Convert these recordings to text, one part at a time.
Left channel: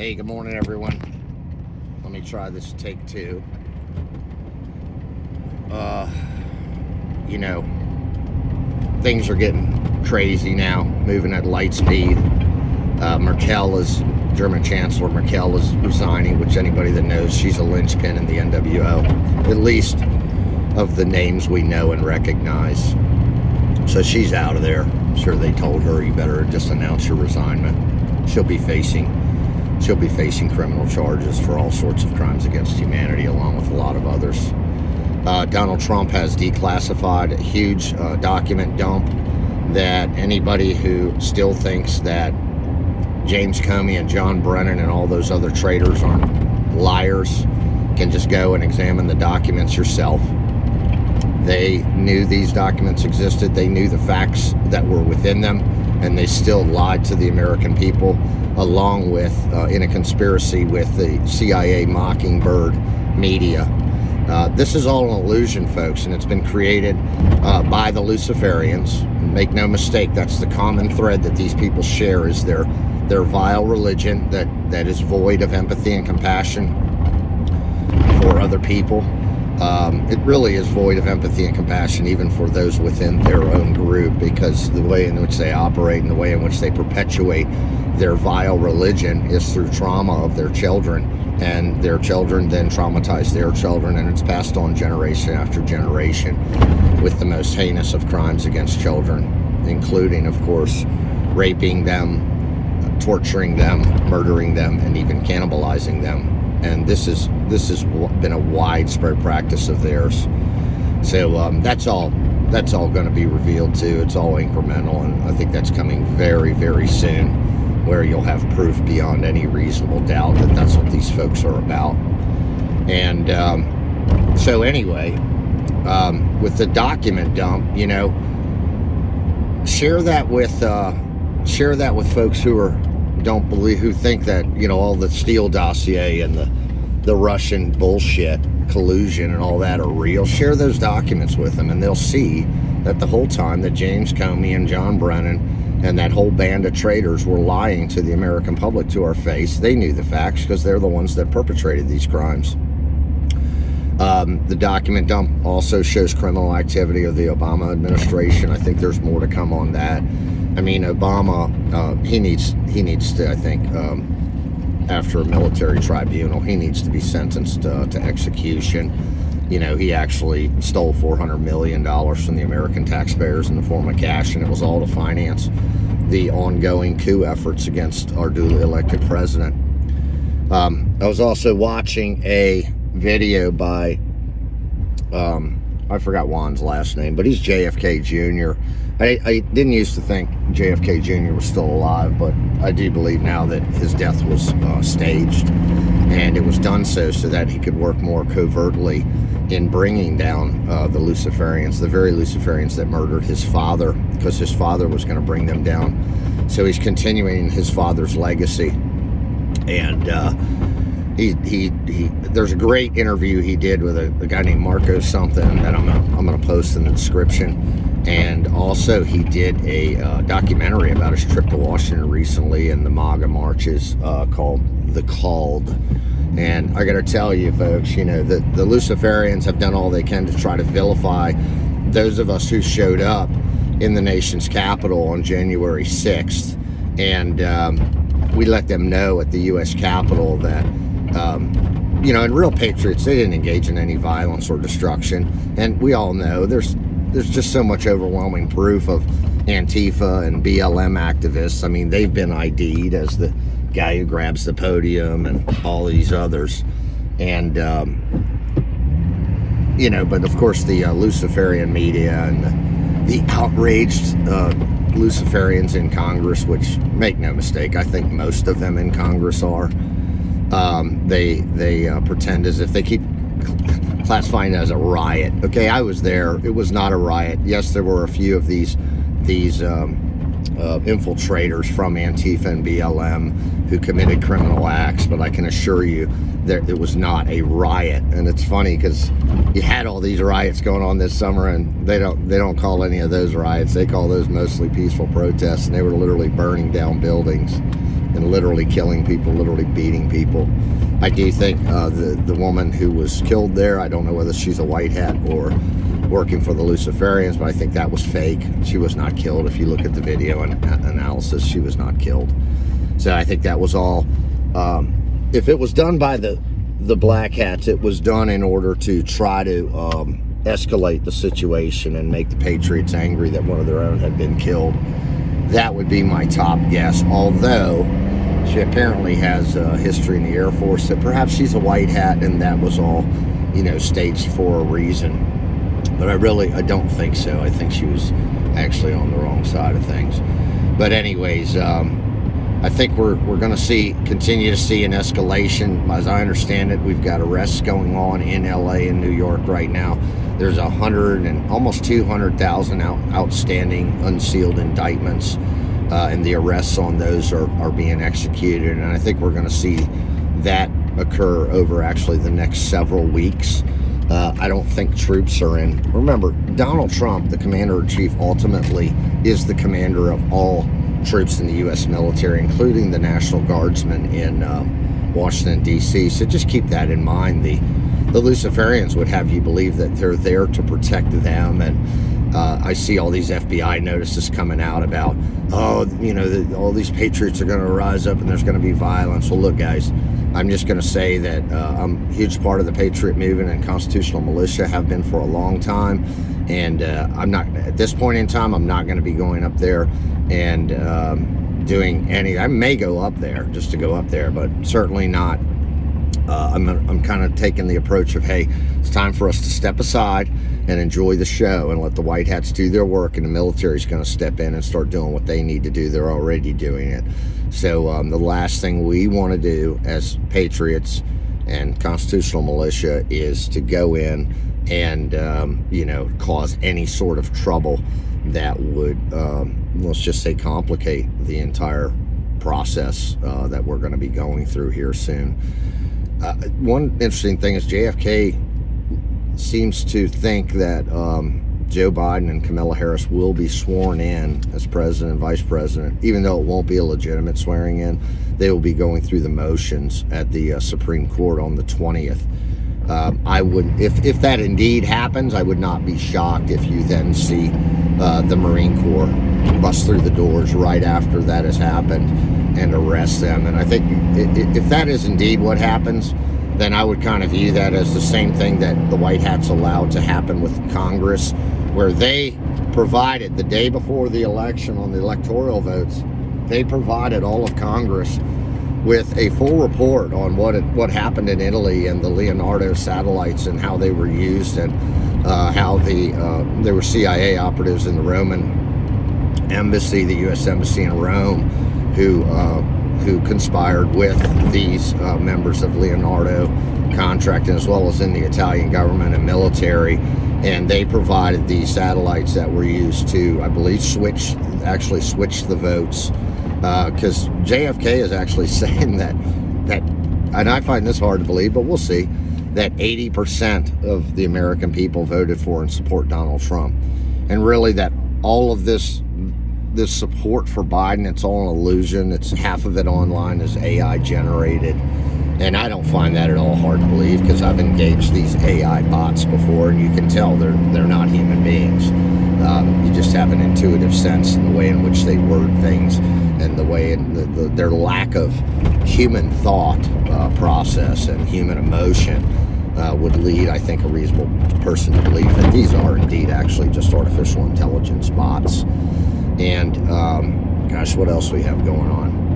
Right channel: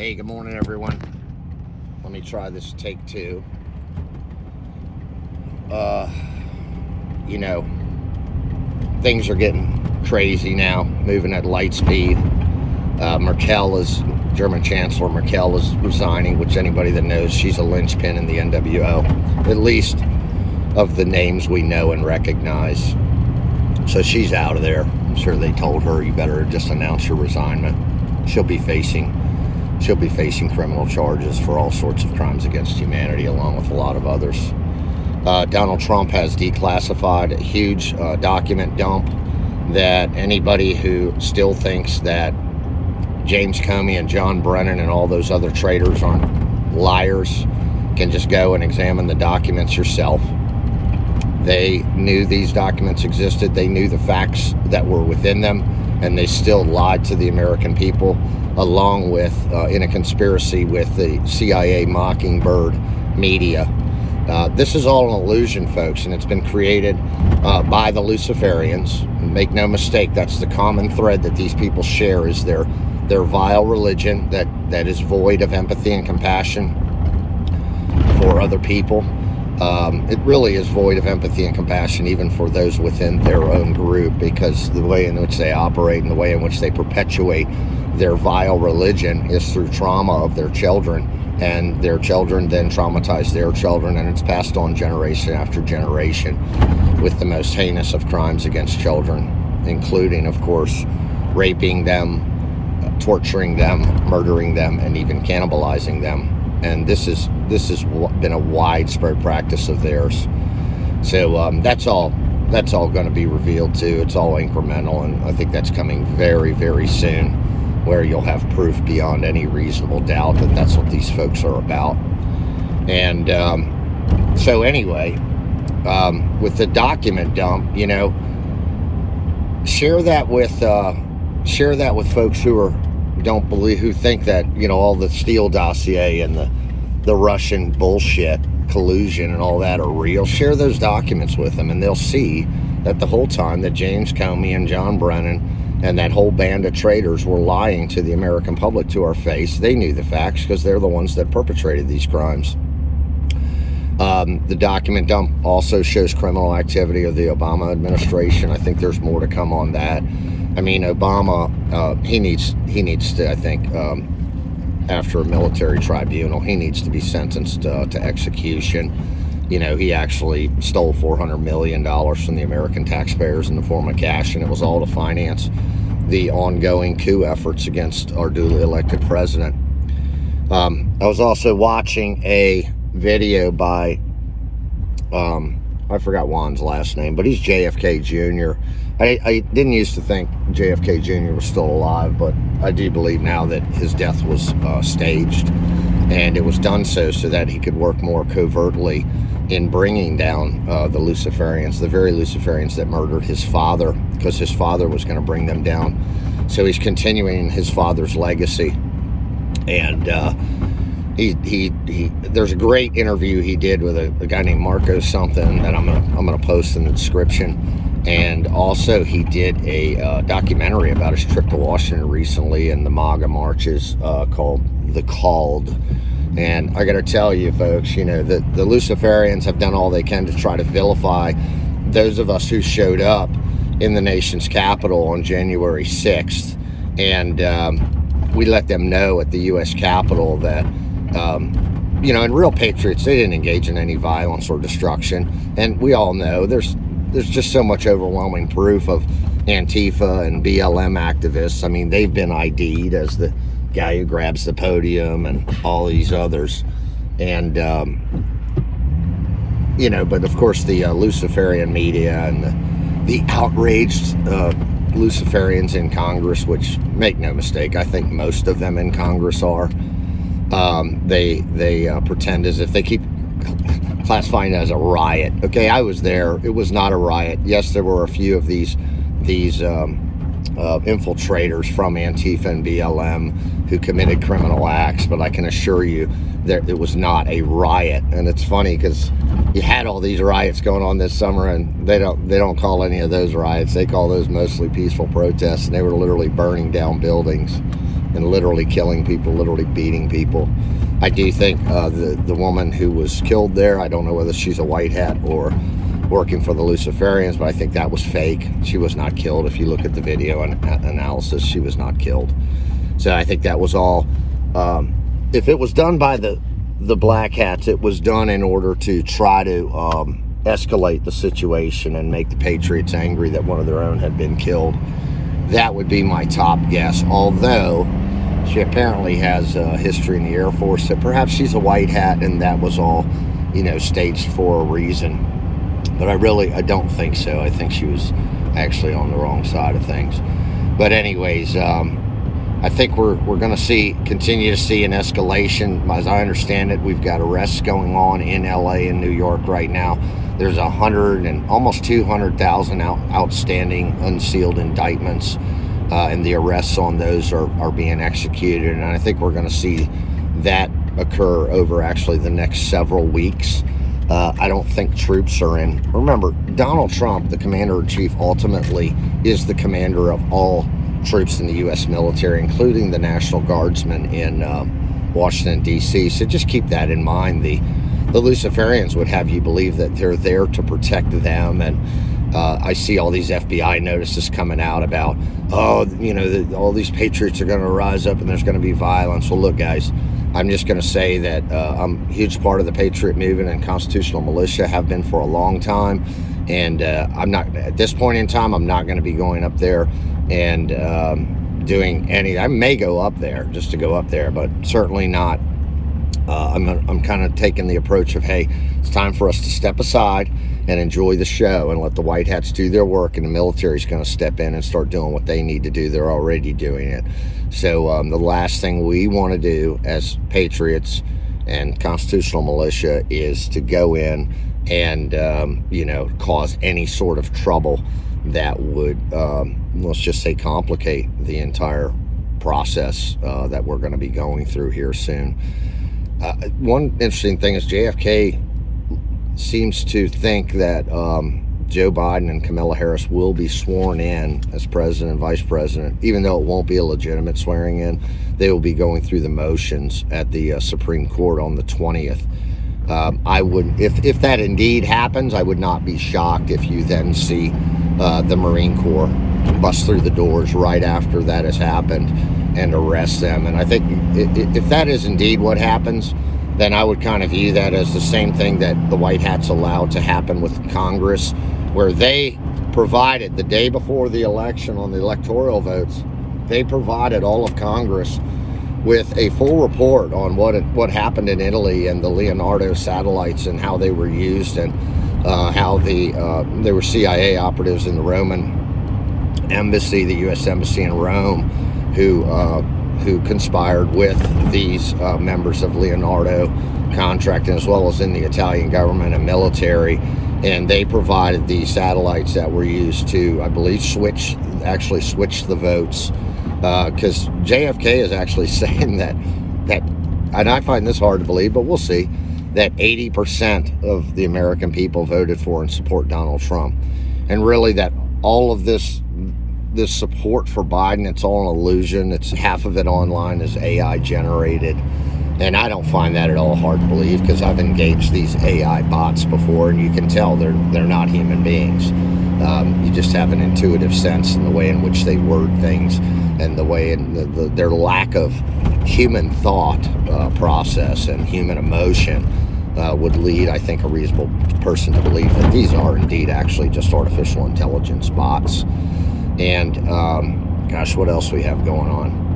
Hey, good morning, everyone. Let me try this take two. You know, things are getting crazy now, moving at light speed. German Chancellor Merkel is resigning, which anybody that knows, she's a linchpin in the NWO, at least of the names we know and recognize. So she's out of there. I'm sure they told her, you better just announce your resignment. She'll be facing criminal charges for all sorts of crimes against humanity, along with a lot of others. Donald Trump has declassified a huge document dump that anybody who still thinks that James Comey and John Brennan and all those other traitors aren't liars can just go and examine the documents yourself. They knew these documents existed. They knew the facts that were within them, and they still lied to the American people, along with in a conspiracy with the CIA Mockingbird media. This is all an illusion, folks, and it's been created by the Luciferians. Make no mistake, that's the common thread that these people share, is their vile religion that is void of empathy and compassion for other people. It really is void of empathy and compassion even for those within their own group, because the way in which they operate and the way in which they perpetuate their vile religion is through trauma of their children, and their children then traumatize their children, and it's passed on generation after generation with the most heinous of crimes against children, including, of course, raping them, torturing them, murdering them, and even cannibalizing them. And this has been a widespread practice of theirs. So that's all going to be revealed too. It's all incremental, and I think that's coming very, very soon, where you'll have proof beyond any reasonable doubt that that's what these folks are about. And so anyway, with the document dump, you know, share that with folks who think that, you know, all the Steele dossier and the Russian bullshit, collusion and all that are real. Share those documents with them, and they'll see that the whole time that James Comey and John Brennan and that whole band of traitors were lying to the American public to our face. They knew the facts because they're the ones that perpetrated these crimes. The document dump also shows criminal activity of the Obama administration. I think there's more to come on that. I mean, Obama, he needs to, I think, after a military tribunal, he needs to be sentenced to execution. You know, he actually stole $400 million from the American taxpayers in the form of cash, and it was all to finance the ongoing coup efforts against our duly elected president. I was also watching a video by, I forgot Juan's last name, but he's JFK Jr. I didn't used to think JFK Jr. was still alive, but I do believe now that his death was staged, and it was done so that he could work more covertly in bringing down the Luciferians, the very Luciferians that murdered his father, because his father was going to bring them down. So he's continuing his father's legacy, and there's a great interview he did with a guy named Marco something that I'm gonna post in the description. And also he did a documentary about his trip to Washington recently and the MAGA marches called The Called. And I gotta tell you, folks, you know, the Luciferians have done all they can to try to vilify those of us who showed up in the nation's capital on January 6th. And we let them know at the U.S. Capitol that you know, and real patriots, they didn't engage in any violence or destruction. And we all know there's just so much overwhelming proof of Antifa and BLM activists. I mean, they've been ID'd as the guy who grabs the podium and all these others. And, you know, but of course the Luciferian media and the outraged Luciferians in Congress, which, make no mistake, I think most of them in Congress are, they pretend as if they keep classifying it as a riot. Okay, I was there. It was not a riot. Yes, there were a few of these infiltrators from Antifa and BLM who committed criminal acts, but I can assure you that it was not a riot. And it's funny because you had all these riots going on this summer, and they don't call any of those riots. They call those mostly peaceful protests, and they were literally burning down buildings. and literally killing people, literally beating people. I do think the woman who was killed there, I don't know whether she's a white hat or working for the Luciferians, but I think that was fake. She was not killed. If you look at the video and analysis, she was not killed. So I think that was all, if it was done by the black hats, it was done in order to try to escalate the situation and make the Patriots angry that one of their own had been killed. That would be my top guess, although she apparently has a history in the Air Force, so perhaps she's a white hat and that was all, staged for a reason. But I don't think so. I think she was actually on the wrong side of things. But anyways, I think we're going to continue to see an escalation. As I understand it, we've got arrests going on in LA and New York right now. There's 100 and almost 200,000 outstanding unsealed indictments, and the arrests on those are being executed. And I think we're going to see that occur over actually the next several weeks. I don't think troops are in. Remember, Donald Trump, the commander-in-chief, ultimately is the commander of all troops in the U.S. military, including the National Guardsmen in Washington, D.C. So just keep that in mind. The Luciferians would have you believe that they're there to protect them. And I see all these FBI notices coming out about, all these patriots are going to rise up and there's going to be violence. Well, look, guys, I'm just going to say that I'm a huge part of the Patriot movement and constitutional militia, have been for a long time. And I'm not, at this point in time, I'm not going to be going up there and doing any. I may go up there just to go up there, but certainly not. I'm kind of taking the approach of, hey, it's time for us to step aside and enjoy the show and let the white hats do their work, and the military is going to step in and start doing what they need to do. They're already doing it. So the last thing we want to do as patriots and constitutional militia is to go in and cause any sort of trouble that would, let's just say, complicate the entire process that we're going to be going through here soon. One interesting thing is JFK seems to think that Joe Biden and Kamala Harris will be sworn in as president and vice president, even though it won't be a legitimate swearing in. They will be going through the motions at the Supreme Court on the 20th. I would, if that indeed happens, I would not be shocked if you then see the Marine Corps bust through the doors right after that has happened and arrest them. And I think if that is indeed what happens, then I would kind of view that as the same thing that the white hats allowed to happen with Congress, where they provided the day before the election on the electoral votes, they provided all of Congress with a full report on what happened in Italy and the Leonardo satellites and how they were used, and how there were CIA operatives in the Roman embassy, the U.S. embassy in Rome, who conspired with these members of Leonardo contracting, as well as in the Italian government and military. And they provided these satellites that were used to, I believe, switch the votes. Because JFK is actually saying that, and I find this hard to believe, but we'll see, that 80% of the American people voted for and support Donald Trump. And really that all of this support for Biden, it's all an illusion. It's half of it online is AI generated. And I don't find that at all hard to believe, because I've engaged these AI bots before, and you can tell they're not human beings. You just have an intuitive sense in the way in which they word things, and the way in their lack of human thought process and human emotion would lead, I think, a reasonable person to believe that these are indeed actually just artificial intelligence bots. And gosh, what else we have going on?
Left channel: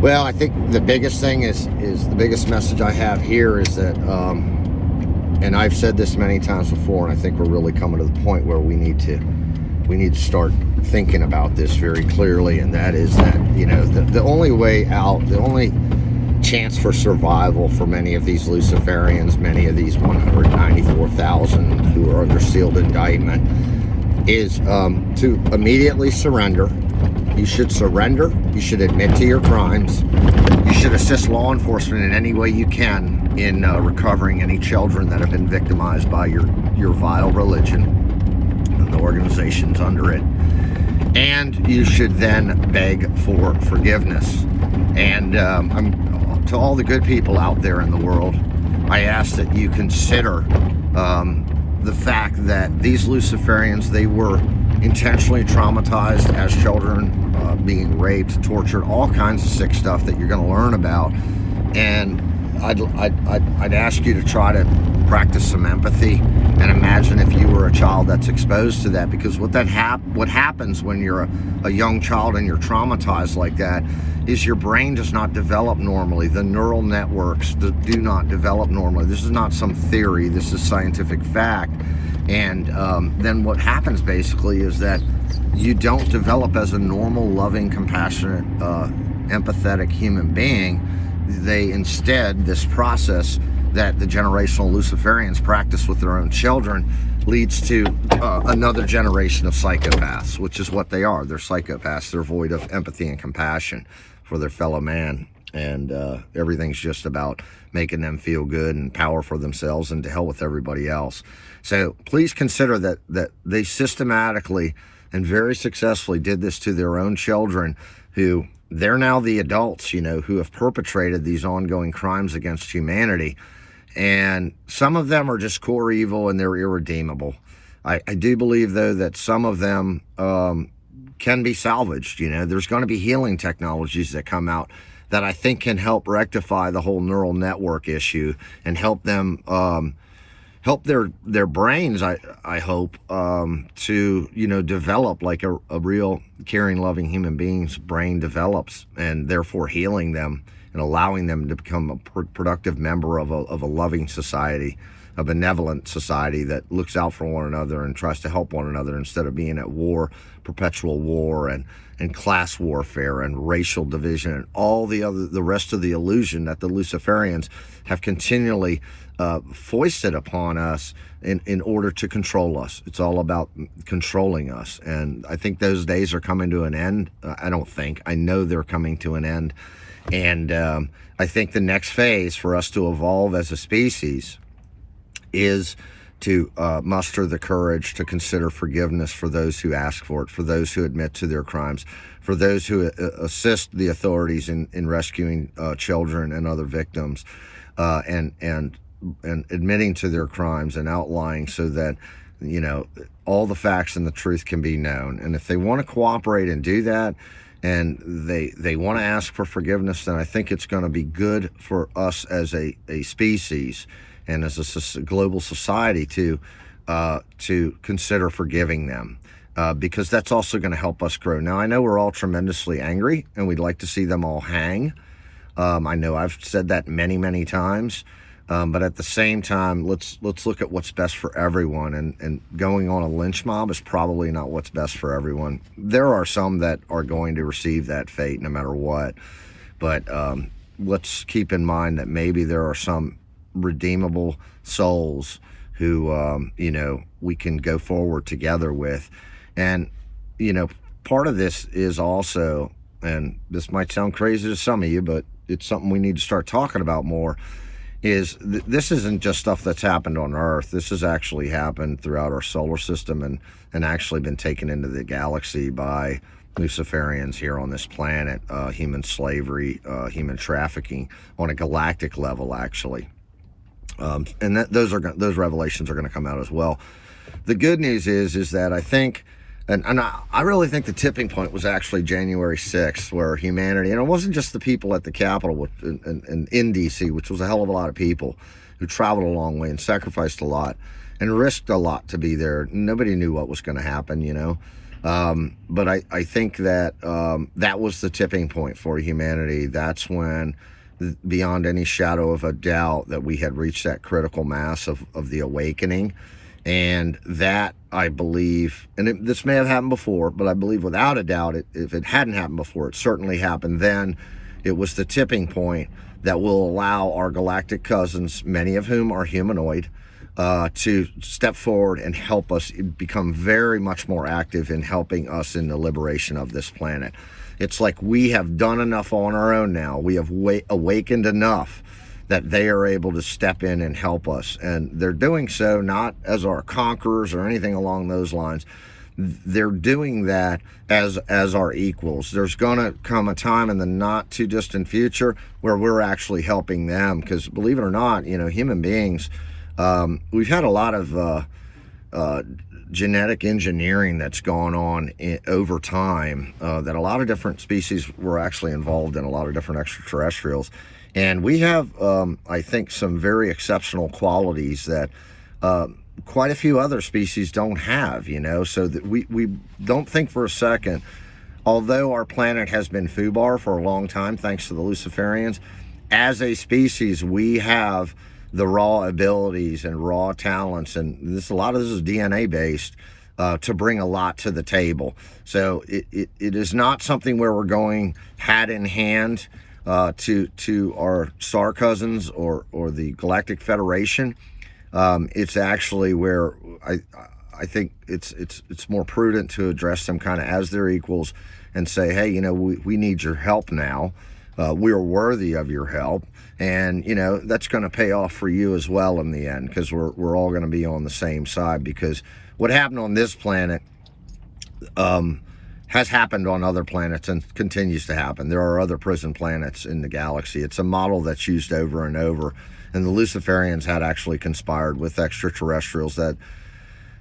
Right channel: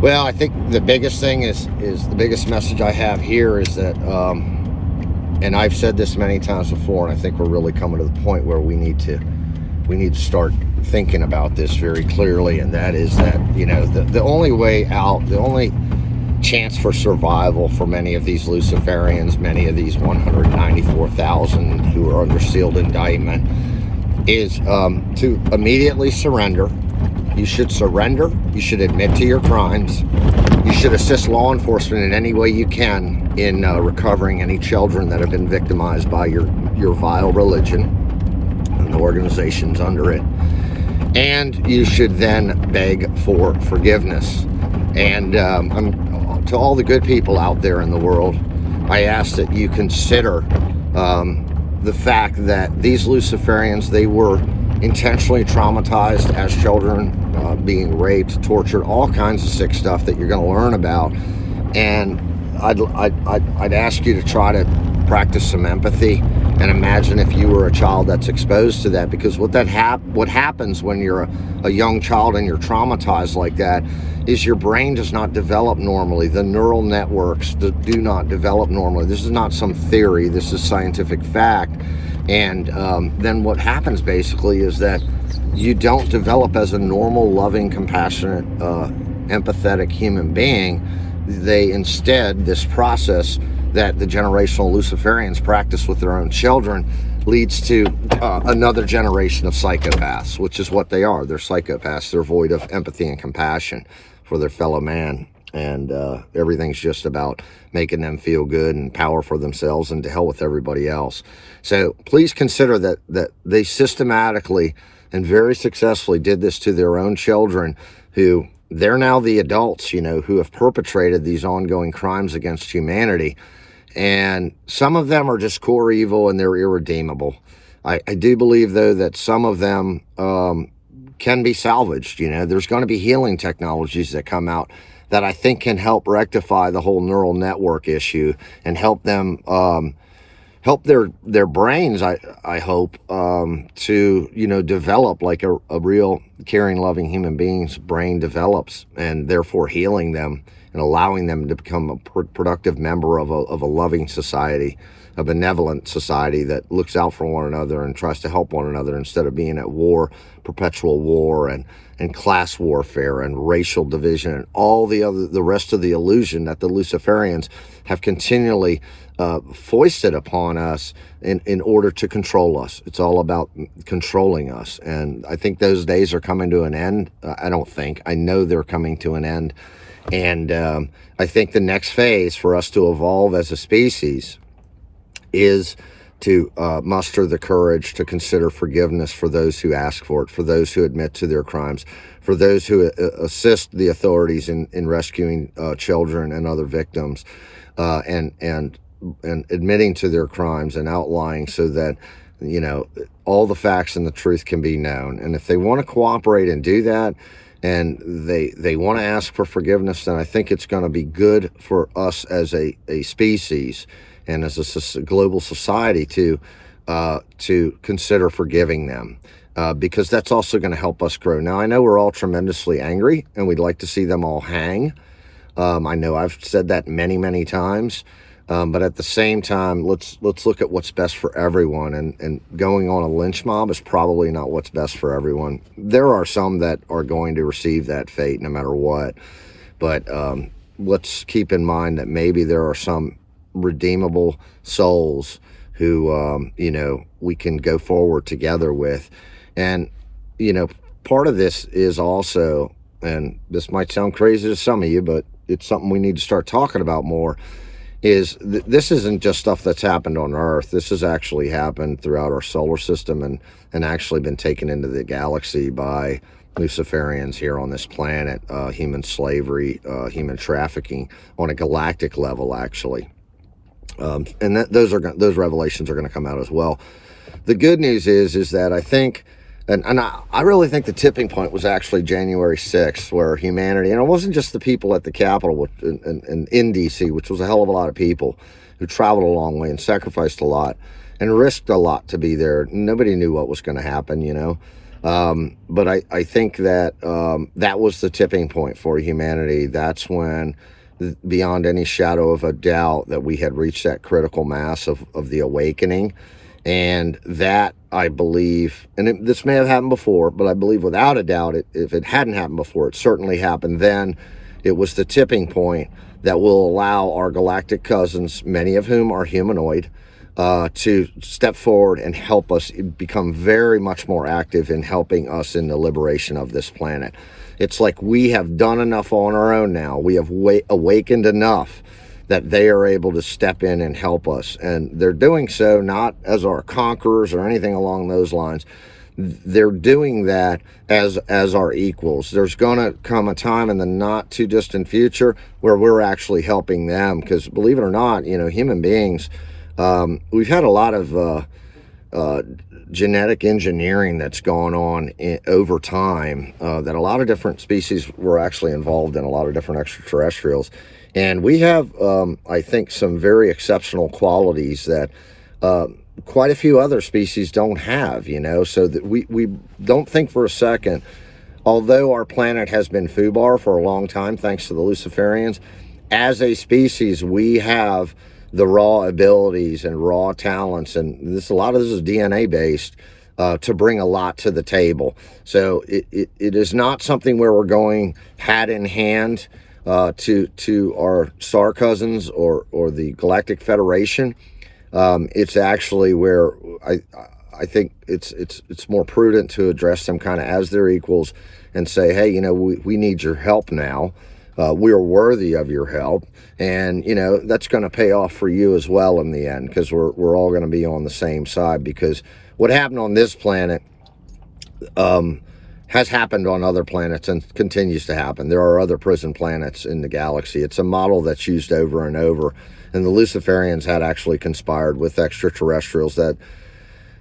Well, I think the biggest thing is the biggest message I have here is that, and I've said this many times before, and I think we're really coming to the point where we need to start thinking about this very clearly, and that is that, the only way out, the only chance for survival for many of these Luciferians, many of these 194,000 who are under sealed indictment, is to immediately surrender. You should surrender. You should admit to your crimes. You should assist law enforcement in any way you can in recovering any children that have been victimized by your vile religion and the organizations under it. and you should then beg for forgiveness. And to all the good people out there in the world, I ask that you consider the fact that these Luciferians, they were intentionally traumatized as children, being raped, tortured, all kinds of sick stuff that you're going to learn about. And I'd ask you to try to practice some empathy and imagine if you were a child that's exposed to that, because what happens when you're a young child and you're traumatized like that is your brain does not develop normally. The neural networks do not develop normally. This is not some theory. This is scientific fact. And then what happens basically is that you don't develop as a normal, loving, compassionate, empathetic human being. They instead, this process that the generational Luciferians practice with their own children leads to another generation of psychopaths, which is what they are. They're psychopaths. They're void of empathy and compassion for their fellow man. And everything's just about making them feel good and power for themselves, and to hell with everybody else. So please consider that they systematically and very successfully did this to their own children, who they're now the adults, who have perpetrated these ongoing crimes against humanity. And some of them are just core evil and they're irredeemable. I do believe, though, that some of them can be salvaged. There's going to be healing technologies that come out that I think can help rectify the whole neural network issue and help them help their brains, I hope, to develop like a real caring, loving human being's brain develops, and therefore healing them and allowing them to become a productive member of a loving society, a benevolent society that looks out for one another and tries to help one another, instead of being at war, perpetual war, and class warfare and racial division and all the rest of the illusion that the Luciferians have continually foisted upon us in order to control us. It's all about controlling us. And I think those days are coming to an end. I know they're coming to an end. And I think the next phase for us to evolve as a species is to muster the courage to consider forgiveness for those who ask for it, for those who admit to their crimes, for those who assist the authorities in rescuing children and other victims, and admitting to their crimes and outlying, so that all the facts and the truth can be known. And if they want to cooperate and do that, and they want to ask for forgiveness, then I think it's going to be good for us as a species and as a global society to consider forgiving them, because that's also going to help us grow. Now, I know we're all tremendously angry and we'd like to see them all hang. I know I've said that many, many times. But at the same time, let's look at what's best for everyone. And going on a lynch mob is probably not what's best for everyone. There are some that are going to receive that fate no matter what. But let's keep in mind that maybe there are some redeemable souls who, we can go forward together with. And, part of this is also, and this might sound crazy to some of you, but it's something we need to start talking about more, is this isn't just stuff that's happened on Earth. This has actually happened throughout our solar system and actually been taken into the galaxy by Luciferians here on this planet. Human slavery, human trafficking on a galactic level, actually. And those revelations are going to come out as well. The good news is that I think, and I really think the tipping point was actually January 6th, where humanity, and it wasn't just the people at the Capitol in D.C., which was a hell of a lot of people who traveled a long way and sacrificed a lot and risked a lot to be there. Nobody knew what was going to happen, But I think that that was the tipping point for humanity. That's when, beyond any shadow of a doubt, that we had reached that critical mass of the awakening. And that, I believe, and this may have happened before, but I believe without a doubt, if it hadn't happened before, it certainly happened then. It was the tipping point that will allow our galactic cousins, many of whom are humanoid, to step forward and help us become very much more active in helping us in the liberation of this planet. It's like we have done enough on our own now. We have awakened enough that they are able to step in and help us. And they're doing so not as our conquerors or anything along those lines. they're doing that as our equals. There's going to come a time in the not too distant future where we're actually helping them, because believe it or not, human beings, we've had a lot of genetic engineering that's gone on over time, that a lot of different species were actually involved in, a lot of different extraterrestrials. And we have, I think, some very exceptional qualities that quite a few other species don't have, so that we don't think for a second, although our planet has been foobar for a long time, thanks to the Luciferians, as a species, we have the raw abilities and raw talents, and a lot of this is DNA based, to bring a lot to the table. So it is not something where we're going hat in hand to our star cousins or the Galactic Federation. It's actually where I think it's more prudent to address them kind of as their equals and say, hey, we need your help now. We are worthy of your help, and that's going to pay off for you as well in the end, because we're all going to be on the same side. Because what happened on this planet has happened on other planets and continues to happen. There are other prison planets in the galaxy. It's a model that's used over and over. And the Luciferians had actually conspired with extraterrestrials that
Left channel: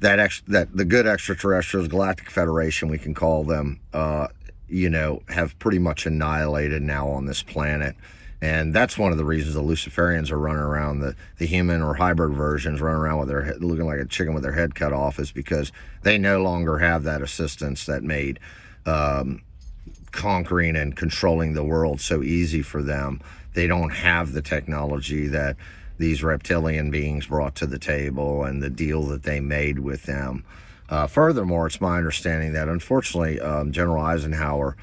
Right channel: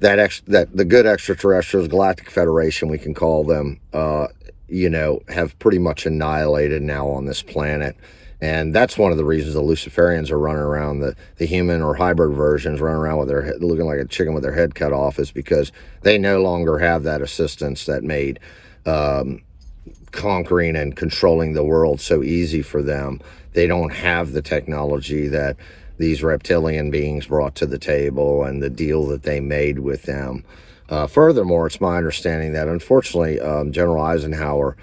the good extraterrestrials, Galactic Federation, we can call them, have pretty much annihilated now on this planet. And that's one of the reasons the Luciferians are running around, the human or hybrid versions running around with their head, looking like a chicken with their head cut off, is because they no longer have that assistance that made conquering and controlling the world so easy for them. They don't have the technology that these reptilian beings brought to the table and the deal that they made with them. Furthermore, it's my understanding that, unfortunately, General Eisenhower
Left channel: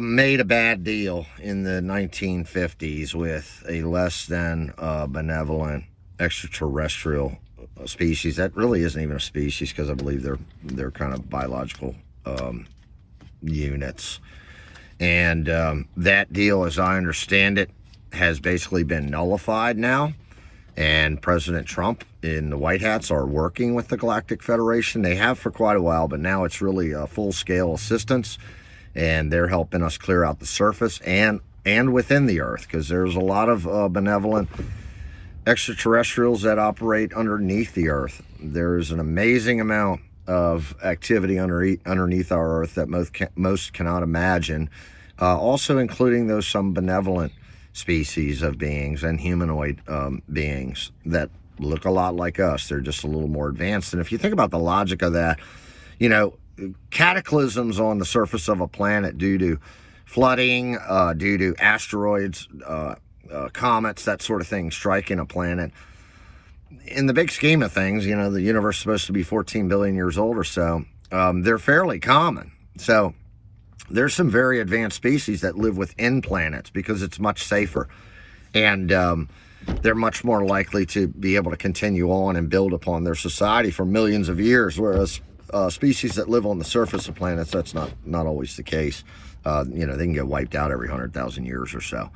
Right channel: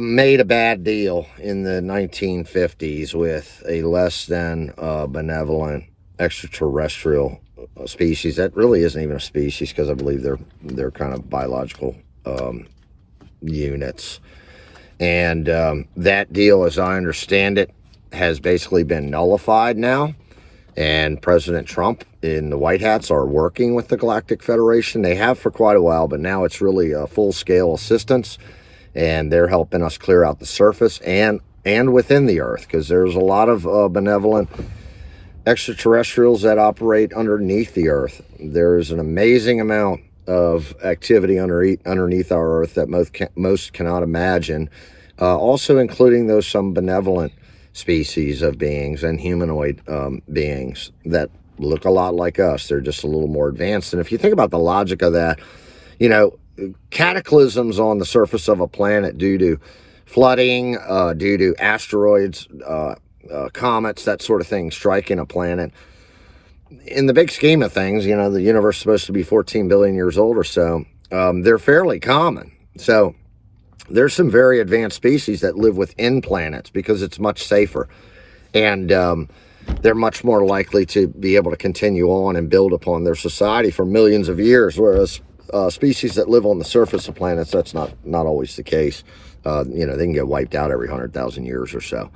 made a bad deal in the 1950s with a less than benevolent extraterrestrial species that really isn't even a species, because I believe they're kind of biological units. And that deal, as I understand it, has basically been nullified now. And President Trump in the White Hats are working with the Galactic Federation. They have for quite a while, but now it's really a full-scale assistance. And they're helping us clear out the surface and within the Earth, because there's a lot of benevolent extraterrestrials that operate underneath the Earth. There is an amazing amount of activity underneath our Earth that most cannot imagine, also including some benevolent species of beings and humanoid beings that look a lot like us. They're just a little more advanced. And if you think about the logic of that, cataclysms on the surface of a planet due to flooding, due to asteroids, comets, that sort of thing striking a planet, in the big scheme of things, the universe is supposed to be 14 billion years old or so. They're fairly common. So there's some very advanced species that live within planets because it's much safer. And they're much more likely to be able to continue on and build upon their society for millions of years, whereas species that live on the surface of planets, that's not always the case. They can get wiped out every 100,000 years or so.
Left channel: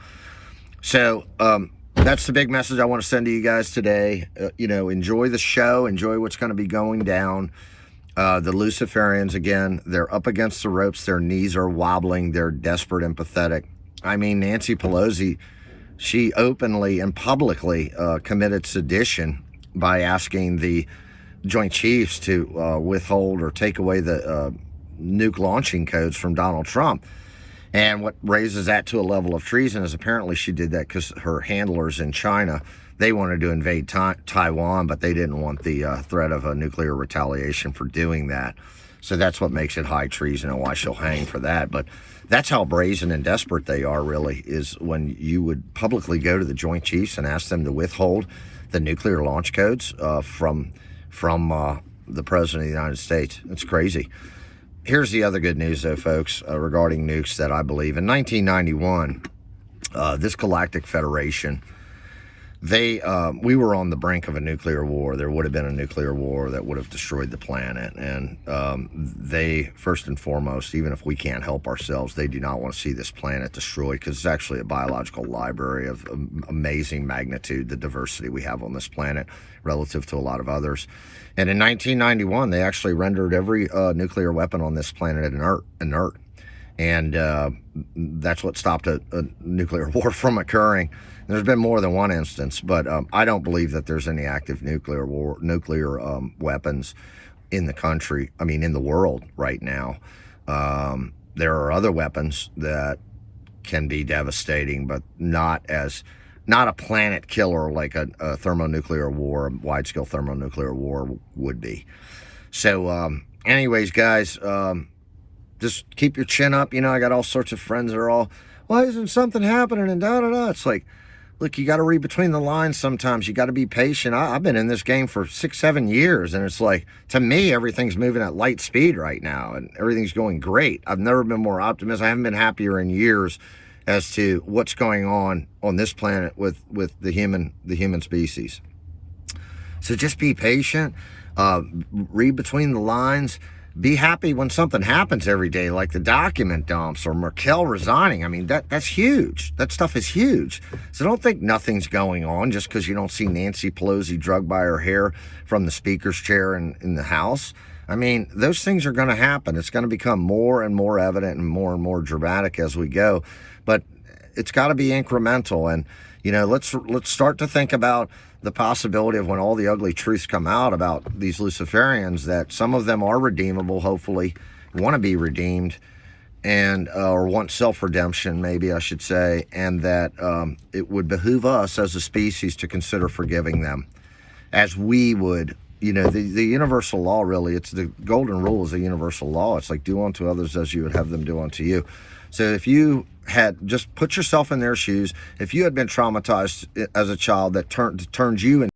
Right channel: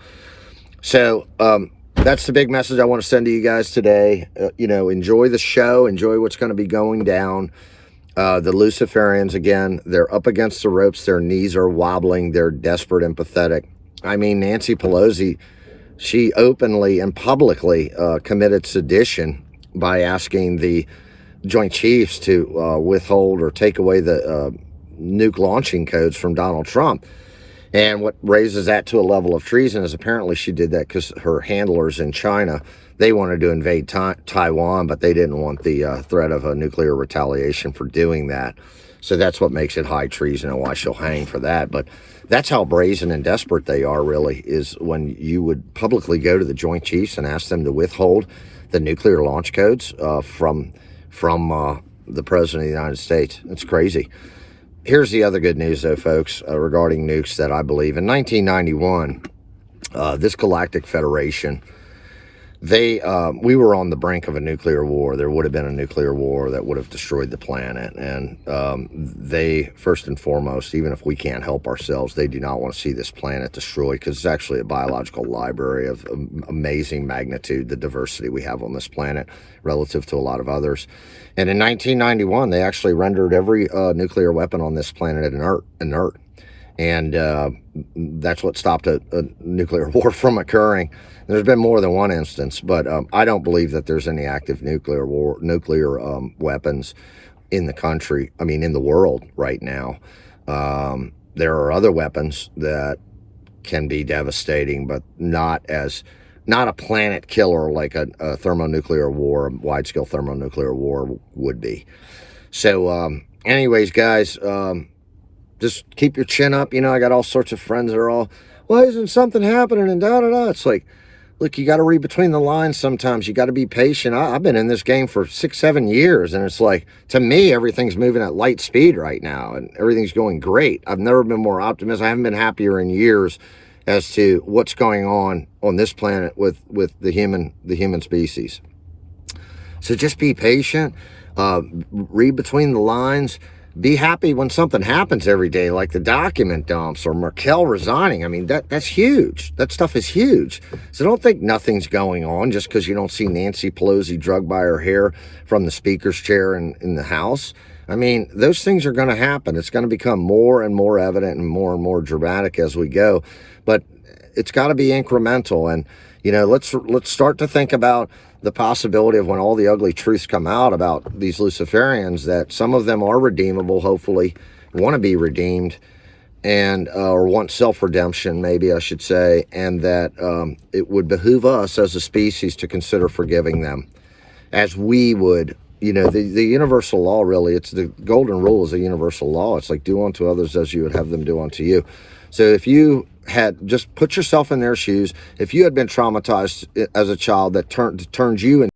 So that's the big message I want to send to you guys today. Enjoy the show. Enjoy what's going to be going down. The Luciferians, again, they're up against the ropes. Their knees are wobbling. They're desperate and pathetic. I mean, Nancy Pelosi, she openly and publicly committed sedition by asking the Joint Chiefs to withhold or take away the nuke launching codes from Donald Trump. And what raises that to a level of treason is apparently she did that because her handlers in China, they wanted to invade Taiwan, but they didn't want the threat of a nuclear retaliation for doing that. So that's what makes it high treason and why she'll hang for that. But that's how brazen and desperate they are, really, is when you would publicly go to the Joint Chiefs and ask them to withhold the nuclear launch codes from the President of the United States. It's crazy. Here's the other good news, though, folks, regarding nukes that I believe. In 1991, this Galactic Federation we were on the brink of a nuclear war. There would have been a nuclear war that would have destroyed the planet. And they, first and foremost, even if we can't help ourselves, they do not want to see this planet destroyed, because it's actually a biological library of amazing magnitude, the diversity we have on this planet relative to a lot of others. And in 1991, they actually rendered every nuclear weapon on this planet inert. And that's what stopped a nuclear war from occurring. There's been more than one instance, but I don't believe that there's any active nuclear weapons in the country. I mean, in the world right now. There are other weapons that can be devastating, but not a planet killer like a thermonuclear war, a wide-scale thermonuclear war would be. So, anyways, guys, just keep your chin up. You know, I got all sorts of friends that are all, why isn't something happening, and da-da-da. It's like, look, you got to read between the lines sometimes. You got to be patient. I've been in this game for 6-7 years, and it's like, to me, everything's moving at light speed right now, and everything's going great. I've never been more optimistic. I haven't been happier in years as to what's going on this planet with the human species. So just be patient. Read between the lines. Be happy when something happens every day, like the document dumps or Merkel resigning. I mean, that's huge. That stuff is huge. So don't think nothing's going on just because you don't see Nancy Pelosi drugged by her hair from the speaker's chair in the House. I mean, those things are going to happen. It's going to become more and more evident and more dramatic as we go. But it's got to be incremental. And, you know, let's start to think about the possibility of when all the ugly truths come out about these Luciferians, that some of them are redeemable, hopefully want to be redeemed, and or want self-redemption, maybe I should say, and that it would behoove us as a species to consider forgiving them, as we would. You know, the universal law, really, it's the golden rule is a universal law. It's like, do unto others as you would have them do unto you. So if you had just put yourself in their shoes, if you had been traumatized as a child that turned you into